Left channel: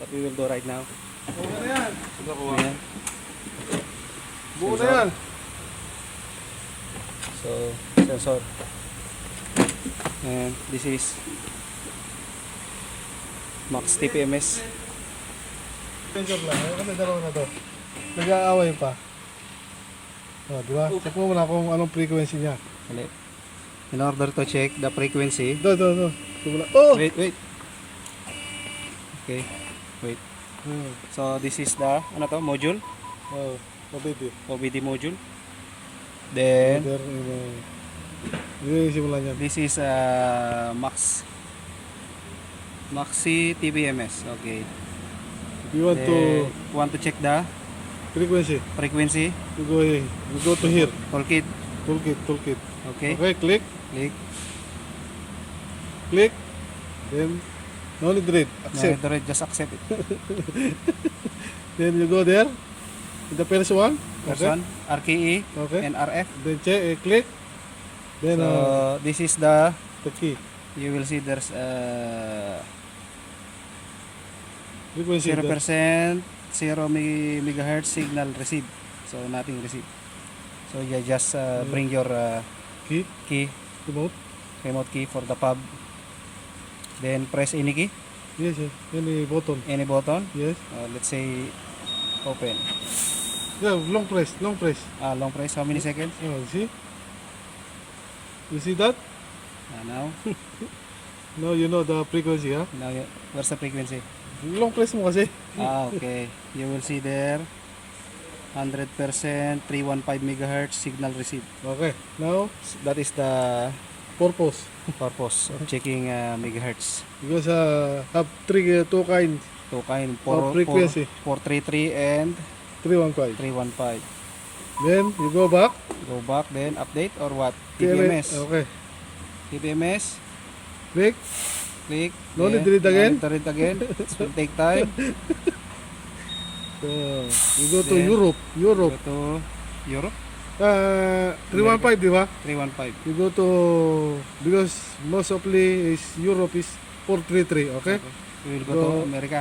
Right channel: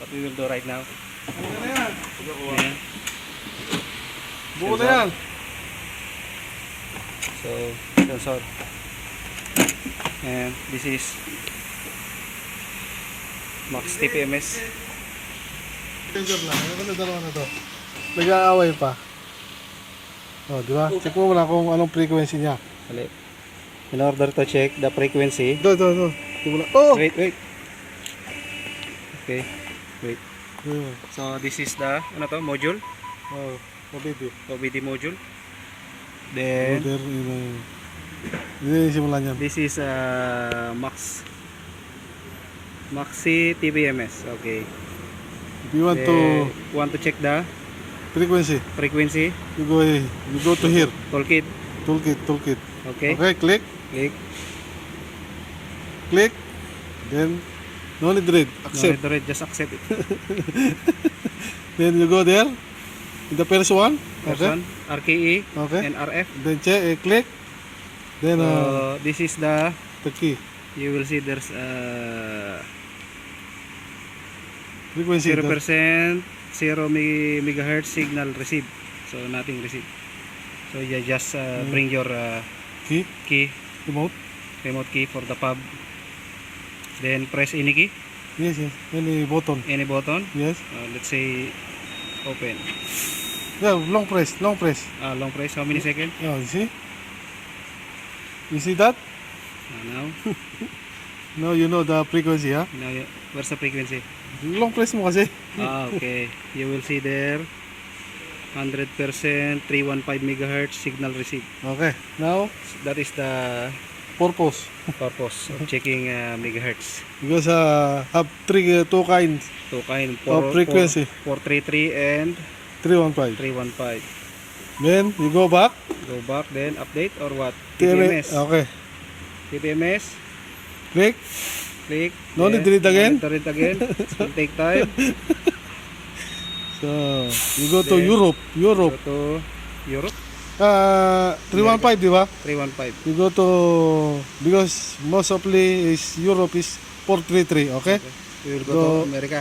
what we will do right now. Buo na yan. Ayan. Buo na Sensor. yan. So, sensor. And this is Max TPMS. Sensor lang. Ano ka dalawa na to? Nag-aaway pa. Oh, di ba? Check mo muna kung anong frequency niya. Ulit. In order to check the frequency. Ito. Oh! Wait. Okay. Wait. Hmm. So, this is the, ano to, module. Oh, mabiti. OBD module. Then, Hindi simulan yan. this is Maxi TPMS. Okay. You want to Want to check the frequency? frequency. You go to here. Toolkit. Toolkit. Okay. Okay, click. Click. Then no need read. No, Accept. need to read, just accept it. Then you go there. The first one. First Okay. one, RKE Okay. and RF. Then check. Click. Then So, this is the, the key. you will see there's Frequency. 0%, 0 megahertz signal receive. So, nothing receive. So, you just bring your Key. key, Remote. remote key for the pub. Then, press any key, Yes. Any button. any button. Yes. Let's say, open. Yeah, long press. Long press, how many seconds? Yeah, you see? You see that? Now, Now you know the frequency, huh? where's the frequency? Long press mo kasi. Okay. You will see there 100% 315 megahertz signal receive. Okay. Now, That is the purpose. purpose of checking megahertz. Because have two kinds. Two kind Oh, frequency. 433 and 315. 315. Then you go back. Go back then update or what? TMS. TPMS. Okay. TPMS. Click. Click. No need to read again? No need to read again. It will take time. So you go to Then, Europe. Go to Europe. 315, di ba? 315. You go to, because most of is Europe is 433. Okay. We will go So, to America.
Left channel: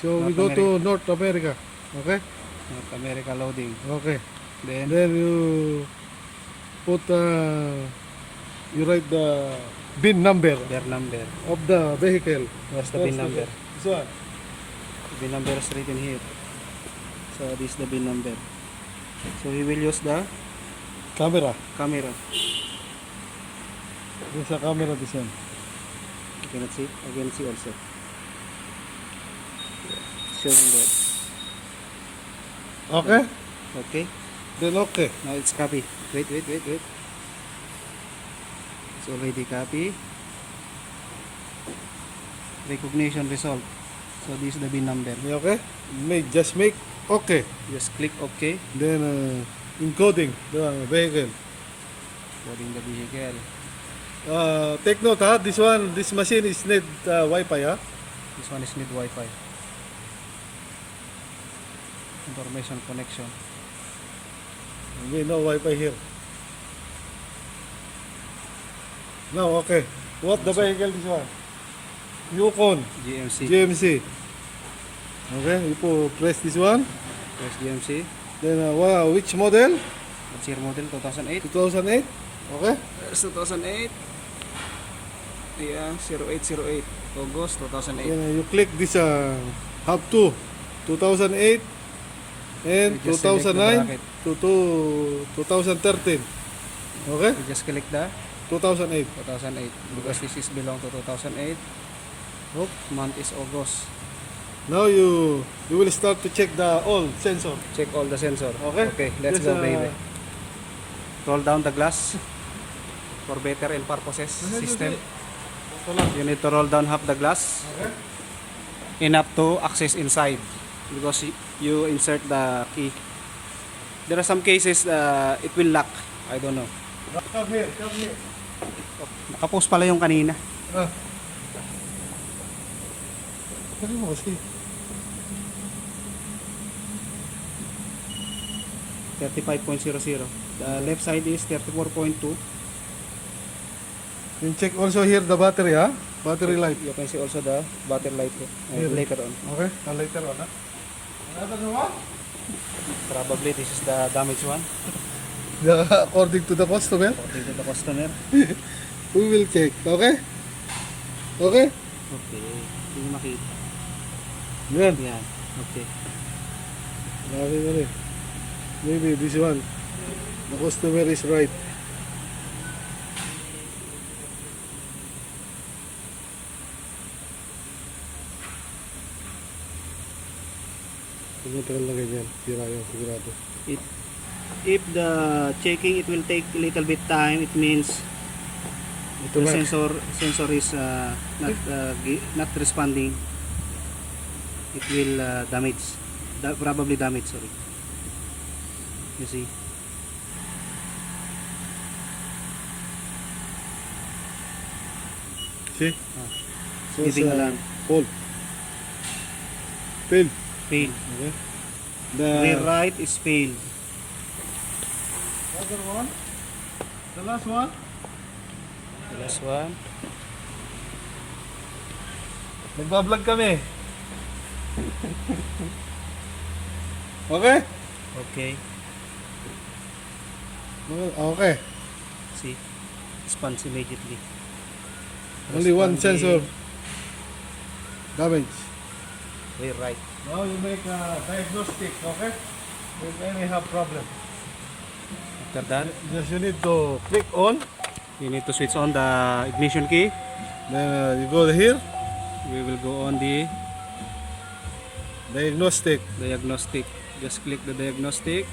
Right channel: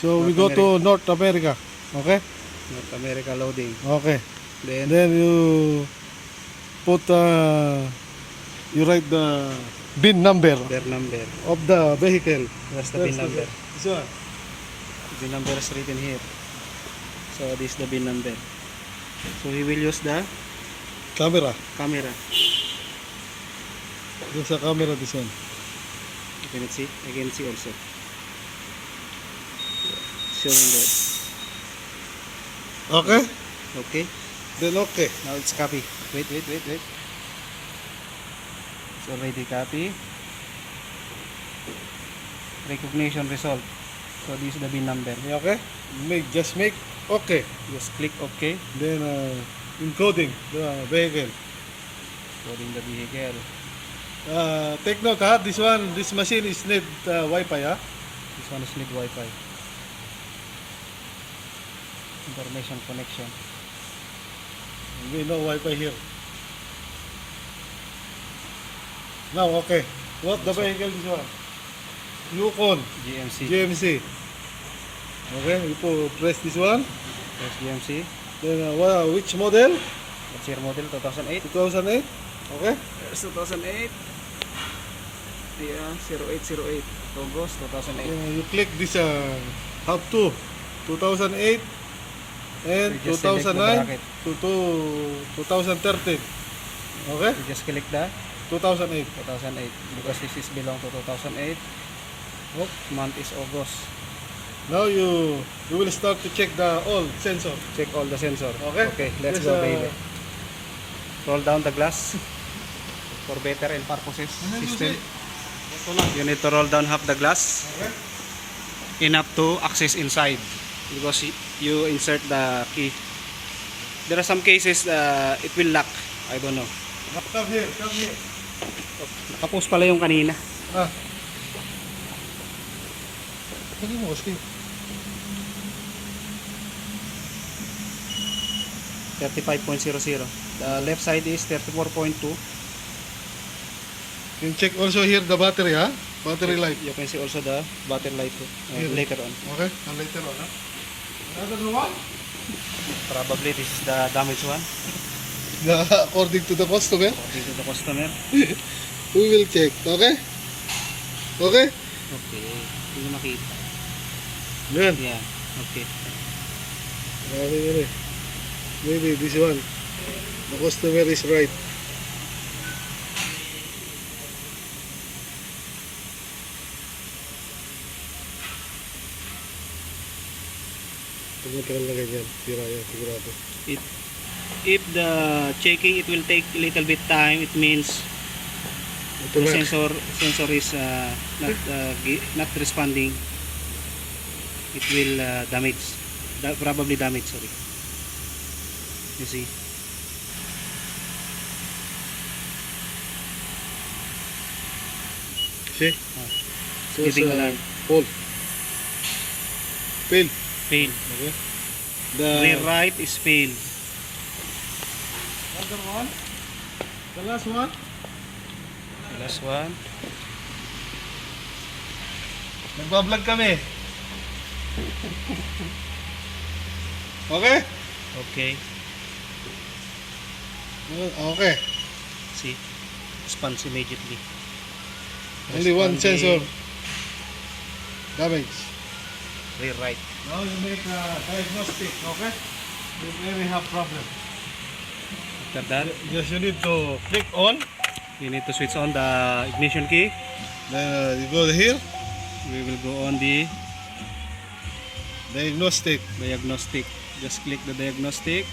So we North go to North America. Okay. North America loading. Okay. Then Then you put you write the VIN number their number. of the vehicle. What's the VIN number? This one. VIN number is written here. So this is the VIN number. So he will use the Camera. camera. There's a camera this one. You cannot see. I can see also. Showing that. Okay. Okay. Then okay. Now it's copy. Wait. It's already copy. Recognition result. So this is the VIN number. Okay. Just make okay. Just click OK. Then encoding the vehicle. Coding the vehicle. Take note, this machine is need Wi-Fi, huh? This one is need Wi-Fi. Information connection. We no Wi-Fi here. Now, okay. What the vehicle this one? Yukon GMC. GMC. Okay, you press this one. Press GMC. Then which model? What's your model? 2008. 2008. Okay. There's 2008. Yeah, 0808. August 2008. Then you click this have to 2008 and You just select the 2009 bracket. to 2013. Okay? You just click the 2008. 2008 because this is belong to 2008. Oh. Month is August. Now you will start to check the all sensor. Check all the sensor. Okay. Okay, let's This, go, baby. Roll down the glass for better and purposes system. You need to roll down half the glass. Okay. Enough to access inside because you insert the key. There are some cases it will lock. I don't know. Come here, come here. Nakapost pala yung kanina. Lagi mo kasi. 35.00. The left side is 34.2. You check also here the battery, huh? Battery light. You can see also the battery light later on. Okay, later on, ha? Another one? Probably this is the damaged one. According to the customer, According to the customer. we will check. Okay? Okay? Okay. Hindi nyo makita. Yan. Yeah. Okay. Okay, yan eh. Maybe this one. The customer is right. Tumatagal na ganyan. Tira yan, sigurado. If the checking it will take a little bit time, it means Ito the na. sensor is not responding. It will probably damage, sorry. You see. See? It's giving alarm. Fault. Fail. Fail. Okay. Rear right is failed. Other one. The last one. The last one. Nagbablog kami. Okay? Okay. Okay. See. Response immediately. Only one Responding. sensor damage. Rear right. Now you make a diagnostic, okay? You may have problem. After that, Just you need to click on. you need to switch on the ignition key. Then you go here. We will go on the Diagnostic. diagnostic. Just click the diagnostic.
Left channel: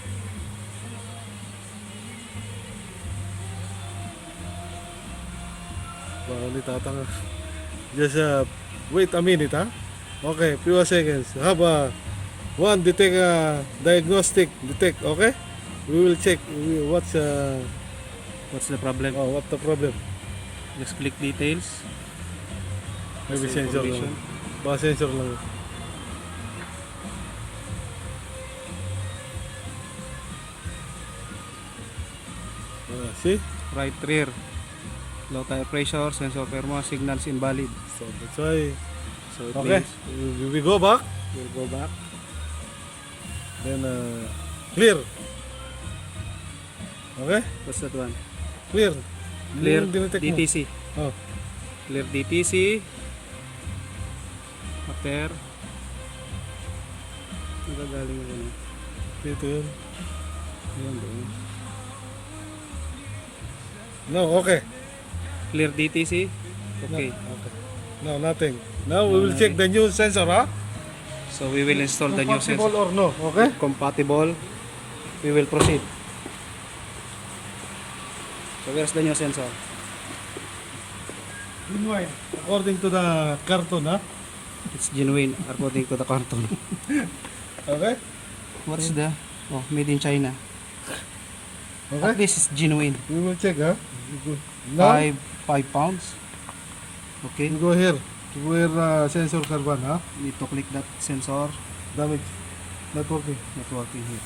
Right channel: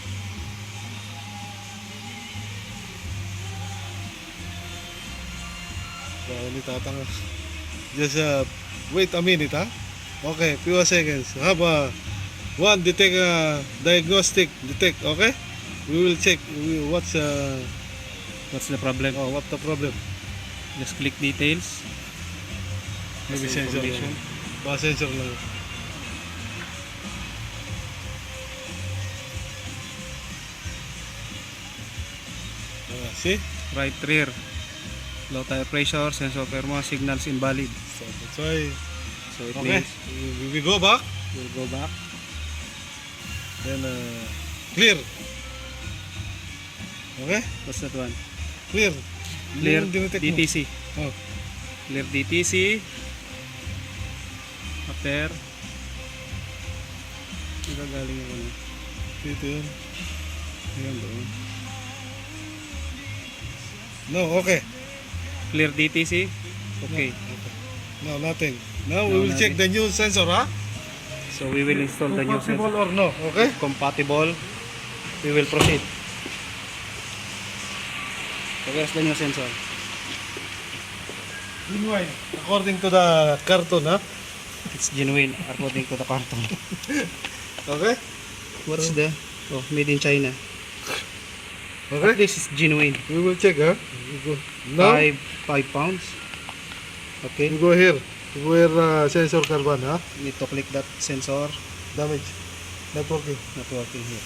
Ulit tatang. Just wait a minute, ha? Okay, few seconds. Have one detect diagnostic detect, okay? We will check what's What's the problem? what the problem. Just click details. Maybe That's the sensor information. lang. Baka sensor lang. See? Right rear. Low tire pressure, sensor perma, signals invalid. So that's why. So it Okay. means We go back. we'll go back. Then clear. Okay? What's that one? Clear. Clear Yung dinetect mo. DTC. Oh. Clear DTC. After. Nagagaling yung ano. Dito yun. Ayan doon. No, okay. Clear DTC. Okay. No, nothing. Now we No, will check the new sensor, ha? So we will install the new Compatible sensor. or no, okay? Compatible. We will proceed. So where's the new sensor? Meanwhile, according to the carton, ha? It's genuine according to the carton. Okay? What's the? Oh, made in China. Okay? This is genuine. We will check, ha? We go. Now, 5 pounds. Okay. we go here. Where sensor carbon, ha? Need to click that sensor. Damage. Not working. Not working here.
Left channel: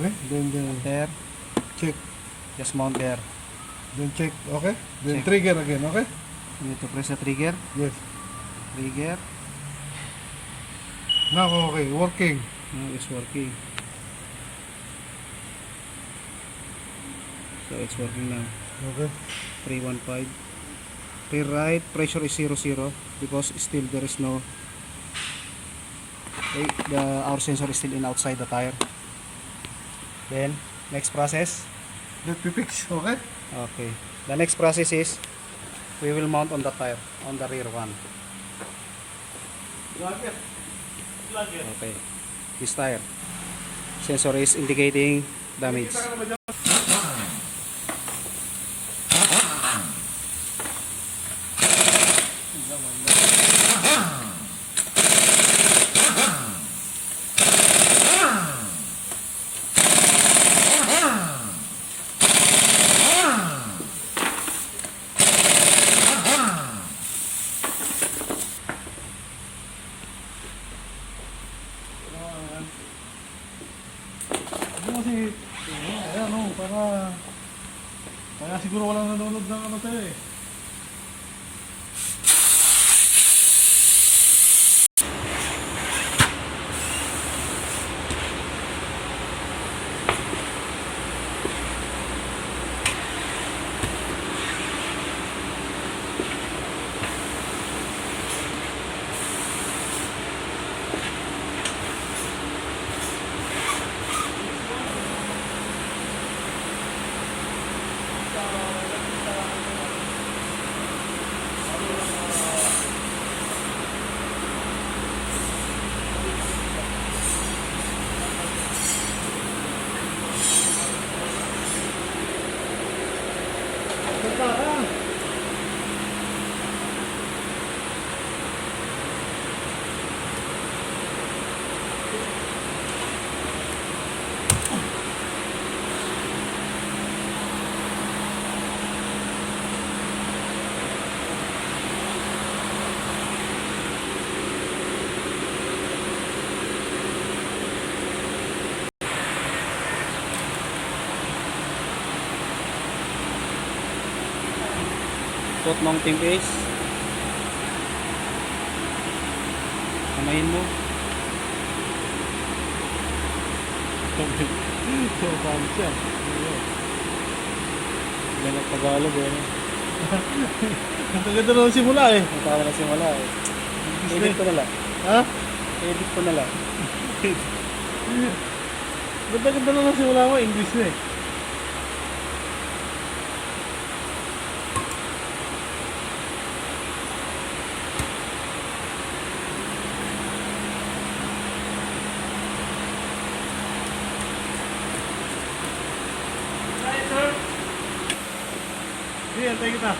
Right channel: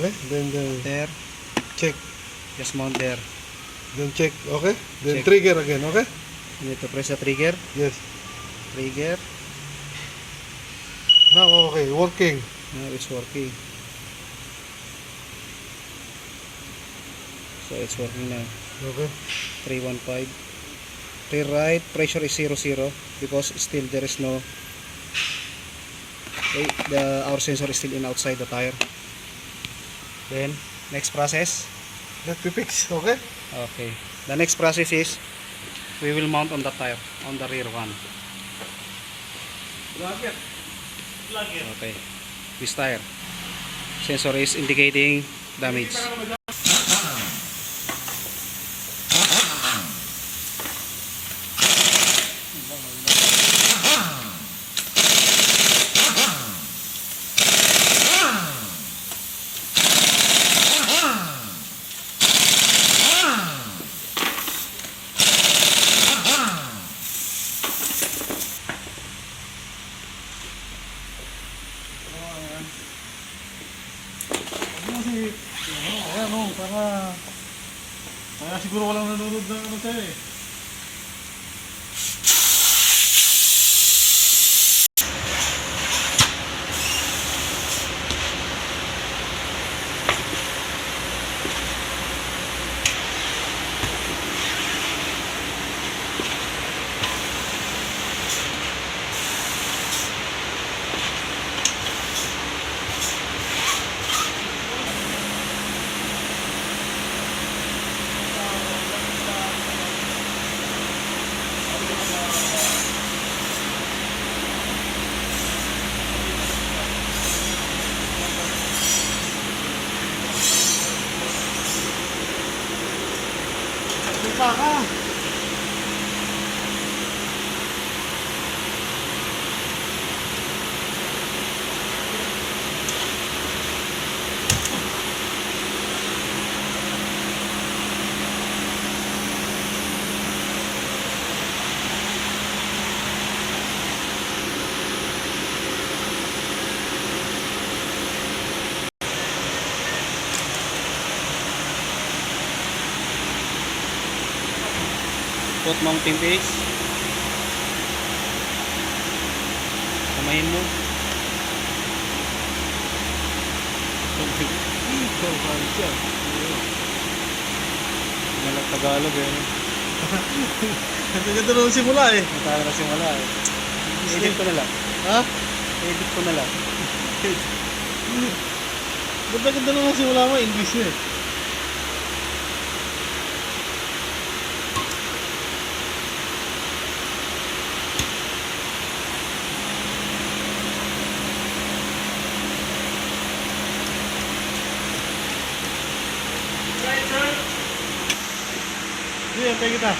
Okay? Then There. check. Just mount there. Then check, okay? Then Check. trigger again, okay? You need to press the trigger. Yes. Trigger. Now, okay. Working. Now it's working. So it's working now. Okay. 315. Rear right. Pressure is 00 because still there is no. Okay, our sensor is still in outside the tire. Then next process. Let me fix, okay? Okay. The next process is we will mount on the tire on the rear one. Okay. This tire. Sensor is indicating damage. Ayan, no, para siguro walang nanonood ng ano sa'yo eh. Put mounting base. Kamayin mo. Yan ang Tagalog eh. Ang ganda na ng simula eh. Natala na simula eh. Edit ko na lang. Ha? Edit ko na lang. Ganda na ng simula mo, English na eh. Sige, antay kita.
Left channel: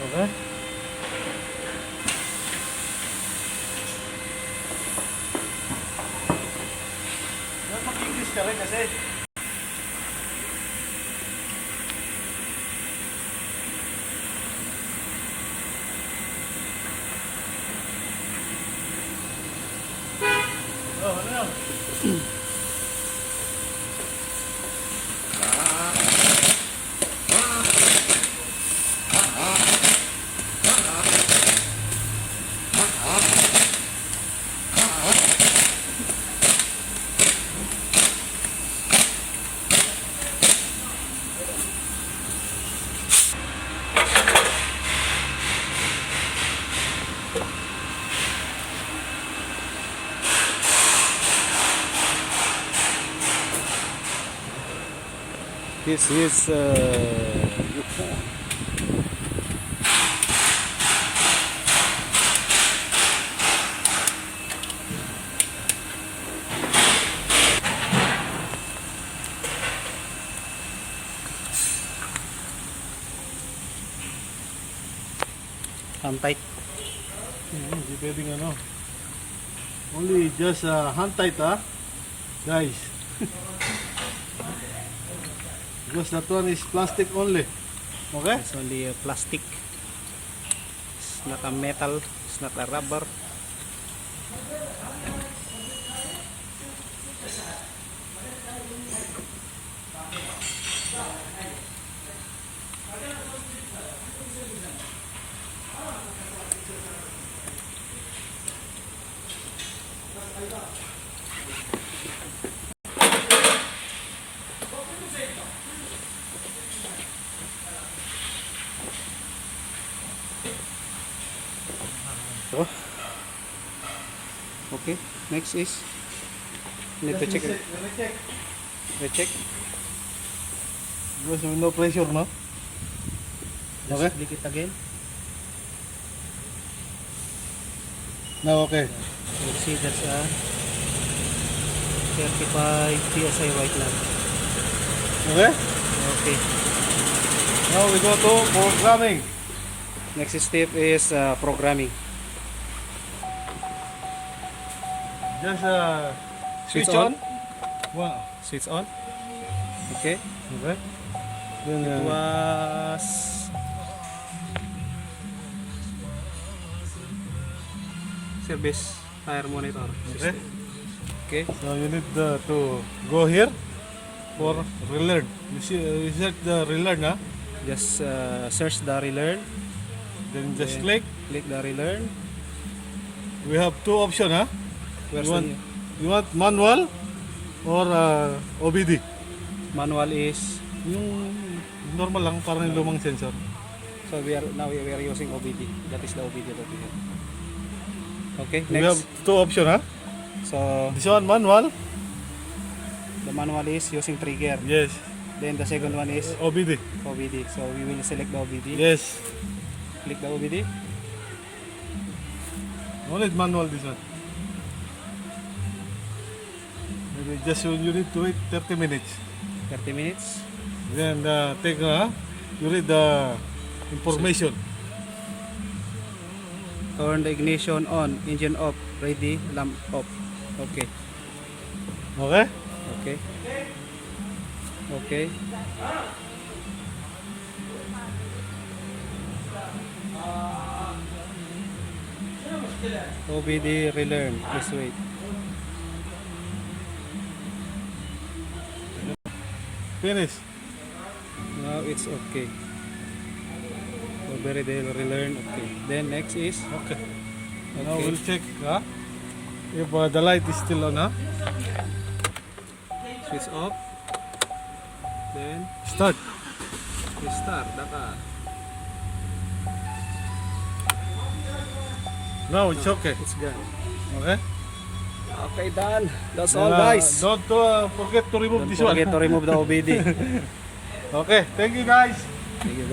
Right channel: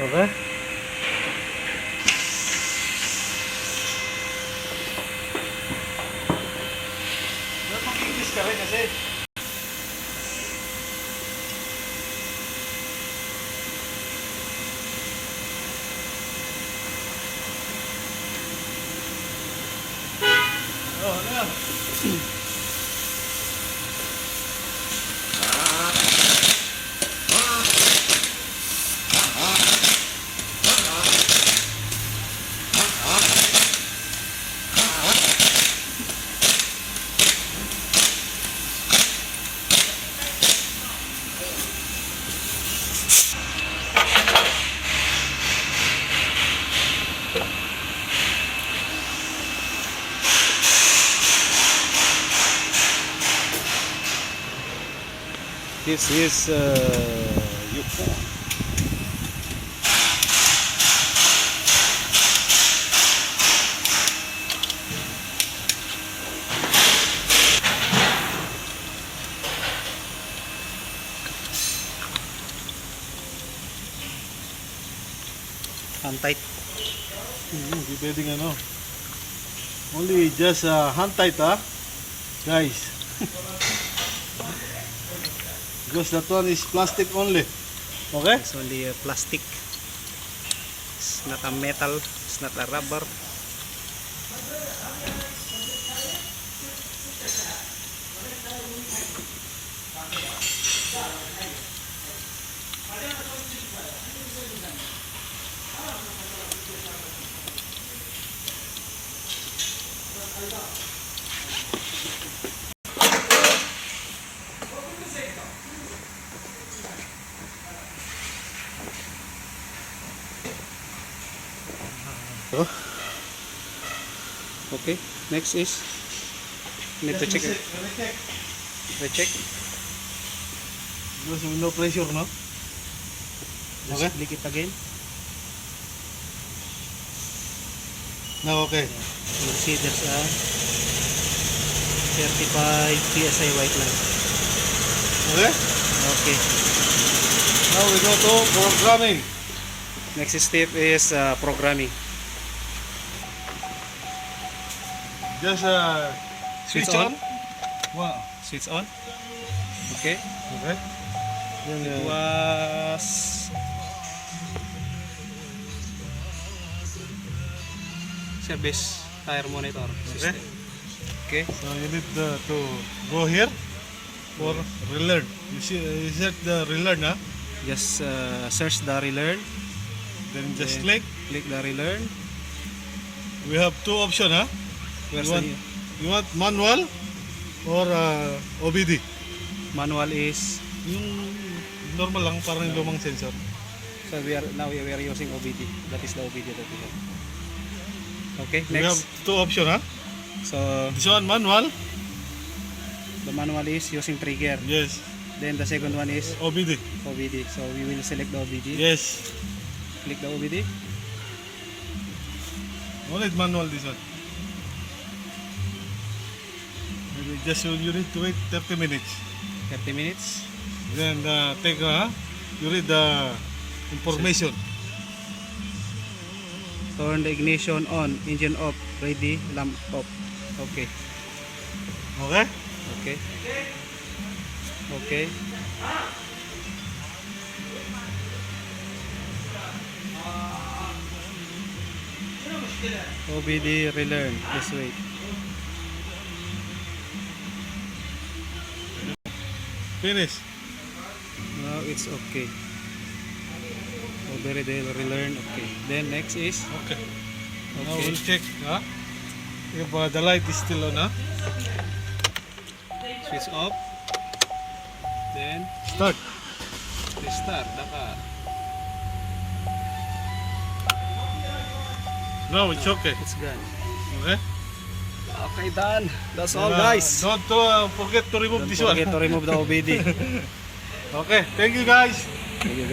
Okay. Dapat mag-English ka rin kasi. Oh, ano yan? This is Yukon. Hand tight. Hindi pwedeng ano. Only just hand tight guys. Because that one is plastic only. Okay? It's only plastic. It's not a metal. It's not a rubber. So, Okay. Next is need to check. Recheck. Recheck. Because no pressure, no? Just Okay. click it again. Now, okay. You'll see there's a 35 PSI white lamp. Okay? Okay. Now we go to programming. Next step is programming. Just Switch switch on. on. Wow. Switch on. Okay. Okay. Then, It was service tire monitor system. Okay. so you need to go here for relearn. You see, is that the relearn, huh? Just search the relearn. Then just Then click. Click the relearn. We have two options, huh? Where's You want, the you want manual or OBD? manual is? Yung normal lang, parang yung lumang sensor. So we are using OBD. That is the OBD that we have. Okay. We have Next. two options, huh? So This one manual. the manual is using trigger. Yes. Then the second one is OBD. OBD. So we will select the OBD. Yes. Click the OBD. Only manual this one. You need to wait 30 minutes. 30 minutes. Then take you read the information. Turn the ignition on, engine off, ready, lamp off. Okay. Okay? Okay. Okay. OBD relearn. Please wait. Finish. Now it's okay. OBD relearn. Okay. Then next is Okay. Now okay. we'll check if the light is still on. Switch off. Then Start. restart the car. Now it's okay. It's gone. Okay. Okay, done. That's all, guys. Don't forget to remove Don't this forget one. to remove the OBD. Okay. Thank you guys. Thank you.